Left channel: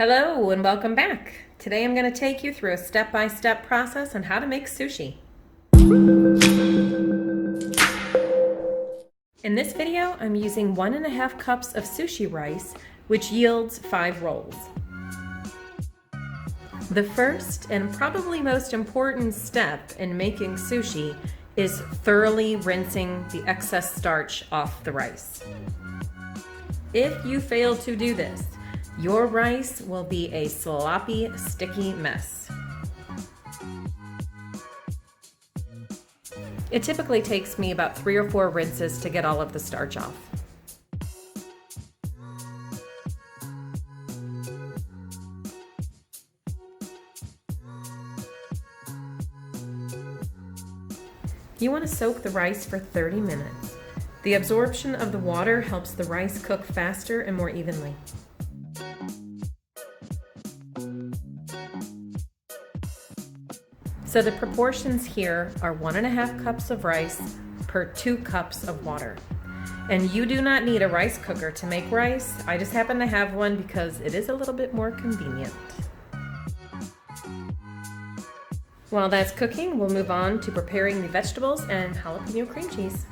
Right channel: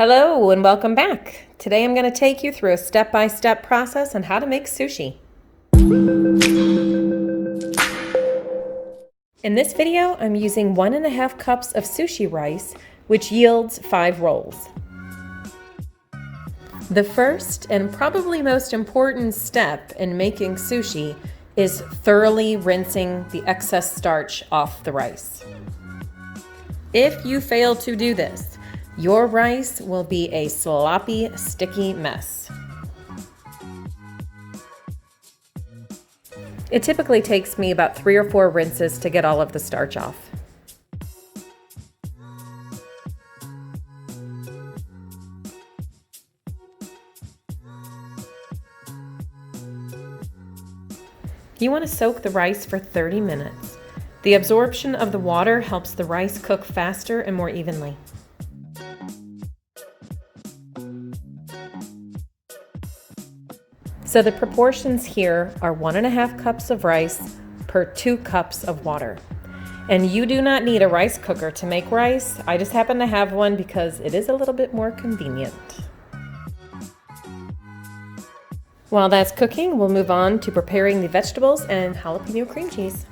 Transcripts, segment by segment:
Hello and welcome back. Today I'm going to take you through a step-by-step process on how to make sushi. In this video, I'm using 1.5 cups of sushi rice, which yields 5 rolls. The first and probably most important step in making sushi is thoroughly rinsing the excess starch off the rice. If you fail to do this, your rice will be a sloppy, sticky mess. It typically takes me about 3 or 4 rinses to get all of the starch off. You want to soak the rice for 30 minutes. The absorption of the water helps the rice cook faster and more evenly. So the proportions here are 1.5 cups of rice per 2 cups of water. And you do not need a rice cooker to make rice. I just happen to have one because it is a little bit more convenient. While that's cooking, we'll move on to preparing the vegetables and jalapeno cream cheese.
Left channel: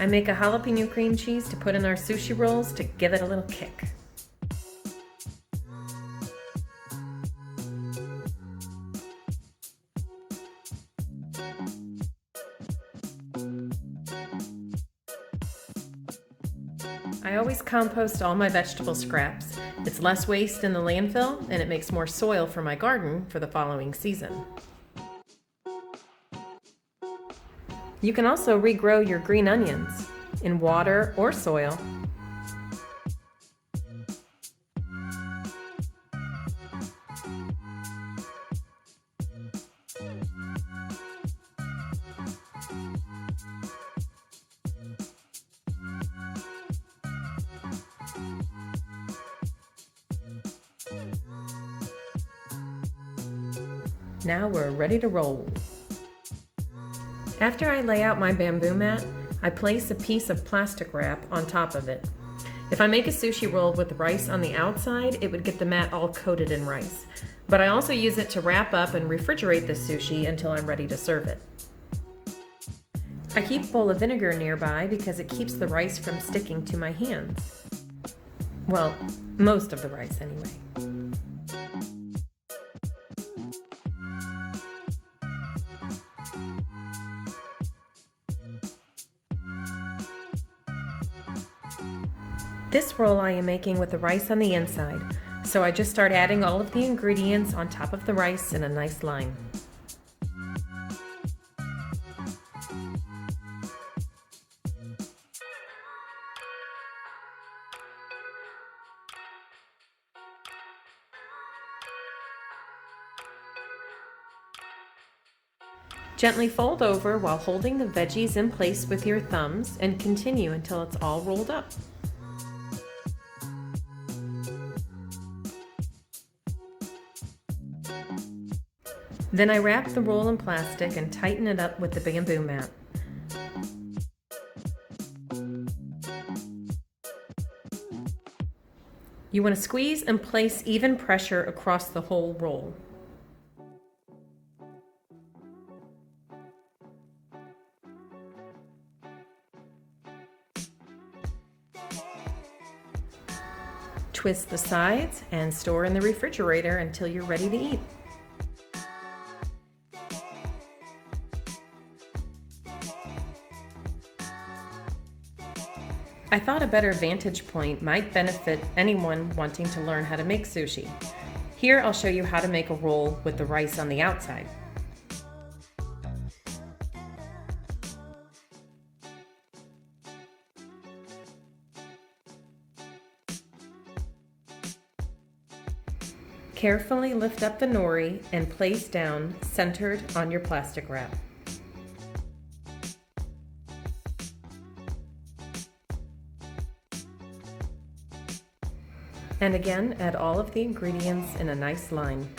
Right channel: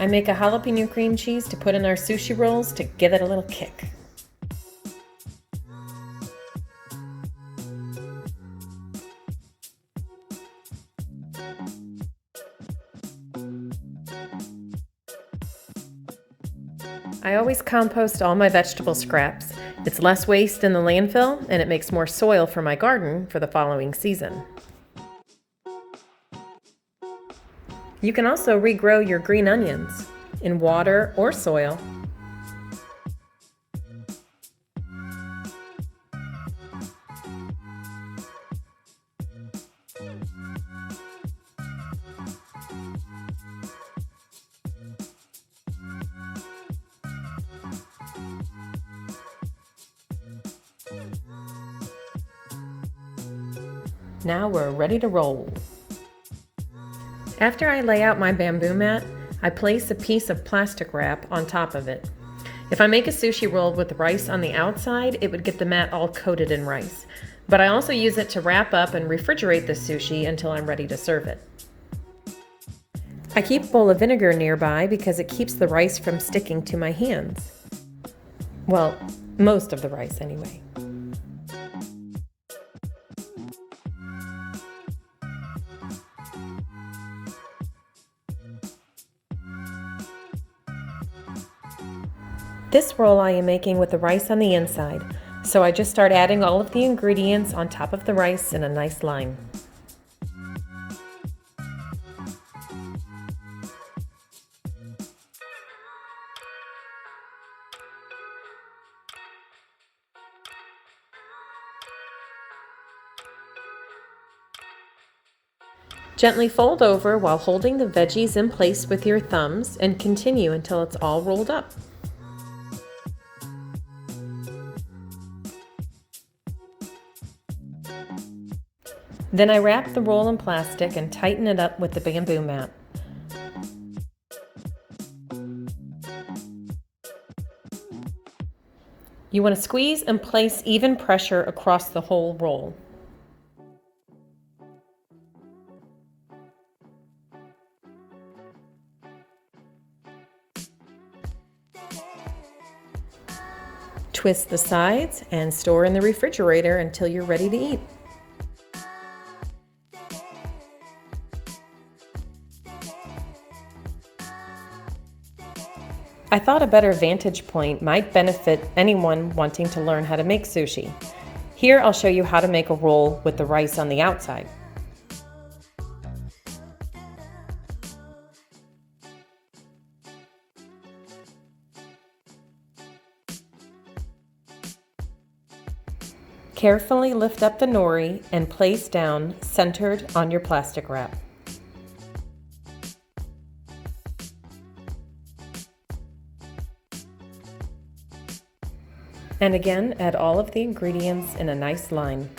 I make a jalapeno cream cheese to put in our sushi rolls to give it a little kick. I always compost all my vegetable scraps. It's less waste in the landfill and it makes more soil for my garden for the following season. You can also regrow your green onions in water or soil. Now we're ready to roll. After I lay out my bamboo mat, I place a piece of plastic wrap on top of it. If I make a sushi roll with rice on the outside, it would get the mat all coated in rice. But I also use it to wrap up and refrigerate the sushi until I'm ready to serve it. I keep a bowl of vinegar nearby because it keeps the rice from sticking to my hands. Well, most of the rice anyway. This roll I am making with the rice on the inside, so I just start adding all of the ingredients on top of the rice in a nice line. Gently fold over while holding the veggies in place with your thumbs and continue until it's all rolled up. Then I wrap the roll in plastic and tighten it up with the bamboo mat. You want to squeeze and place even pressure across the whole roll. Twist the sides and store in the refrigerator until you're ready to eat. I thought a better vantage point might benefit anyone wanting to learn how to make sushi. Here I'll show you how to make a roll with the rice on the outside. Carefully lift up the nori and place down centered on your plastic wrap. And again, add all of the ingredients in a nice line.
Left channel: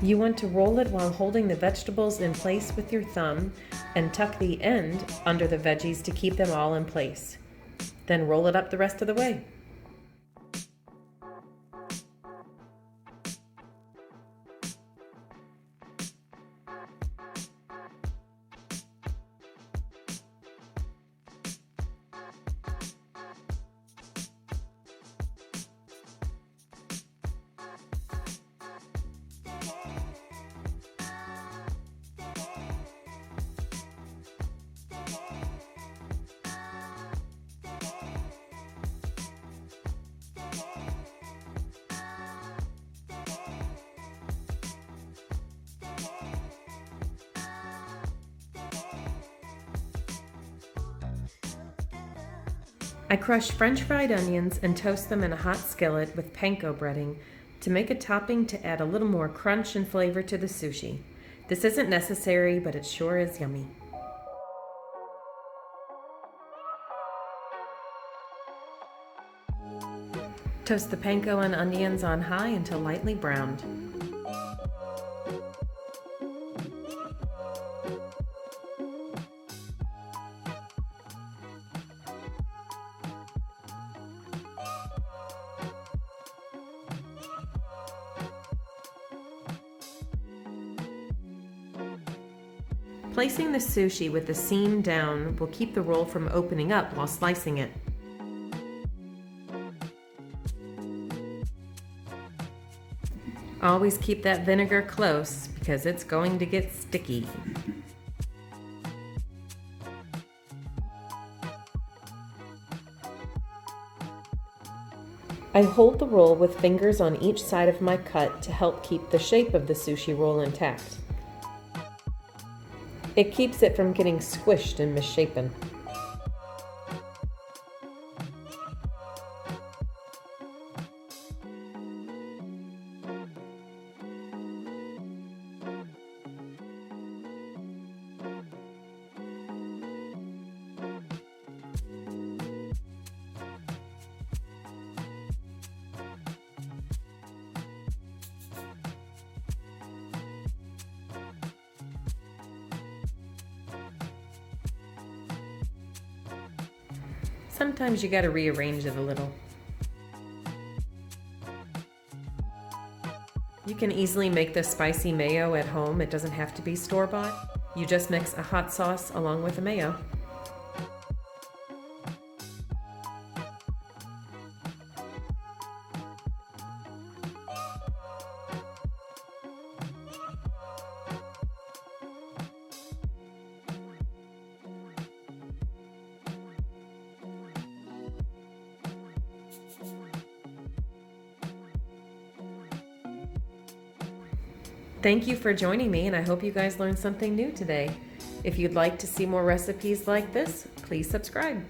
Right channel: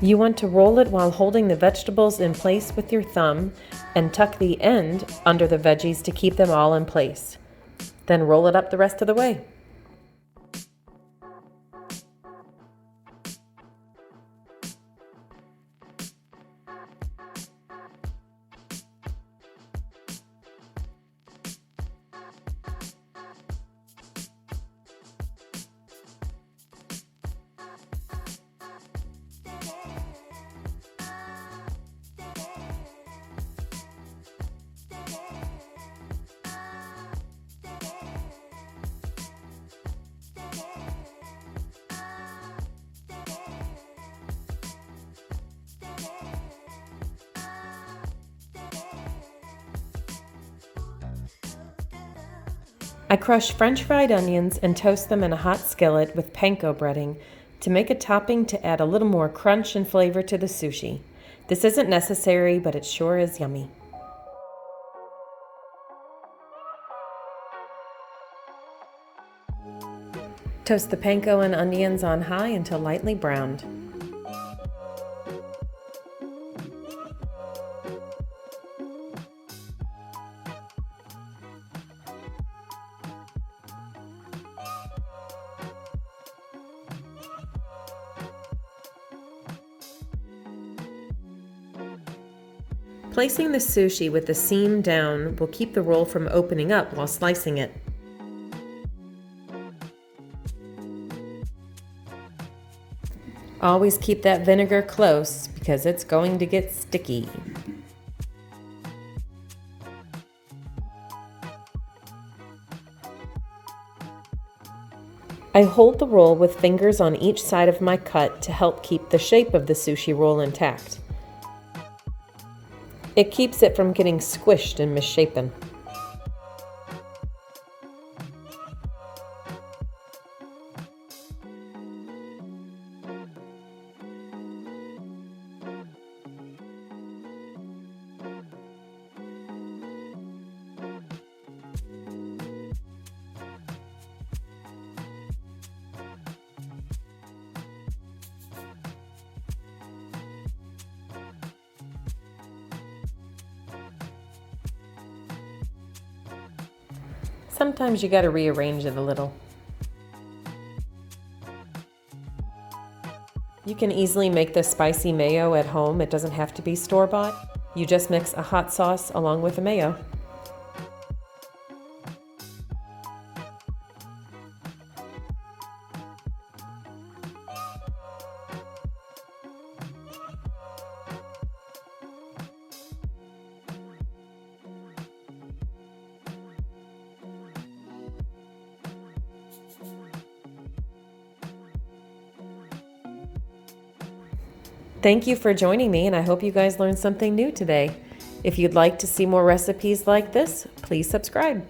You want to roll it while holding the vegetables in place with your thumb and tuck the end under the veggies to keep them all in place. Then roll it up the rest of the way. I crush French fried onions and toast them in a hot skillet with Panko Breading to make a topping to add a little more crunch and flavor to the sushi. This isn't necessary, but it sure is yummy. Toast the panko and onions on high until lightly browned. Placing the sushi with the seam down will keep the roll from opening up while slicing it. Always keep that vinegar close because it's going to get sticky. I hold the roll with fingers on each side of my cut to help keep the shape of the sushi roll intact. It keeps it from getting squished and misshapen. Sometimes you gotta rearrange it a little. You can easily make the spicy mayo at home. It doesn't have to be store-bought. You just mix a hot sauce along with the mayo. Thank you for joining me, and I hope you guys learned something new today. If you'd like to see more recipes like this, please subscribe.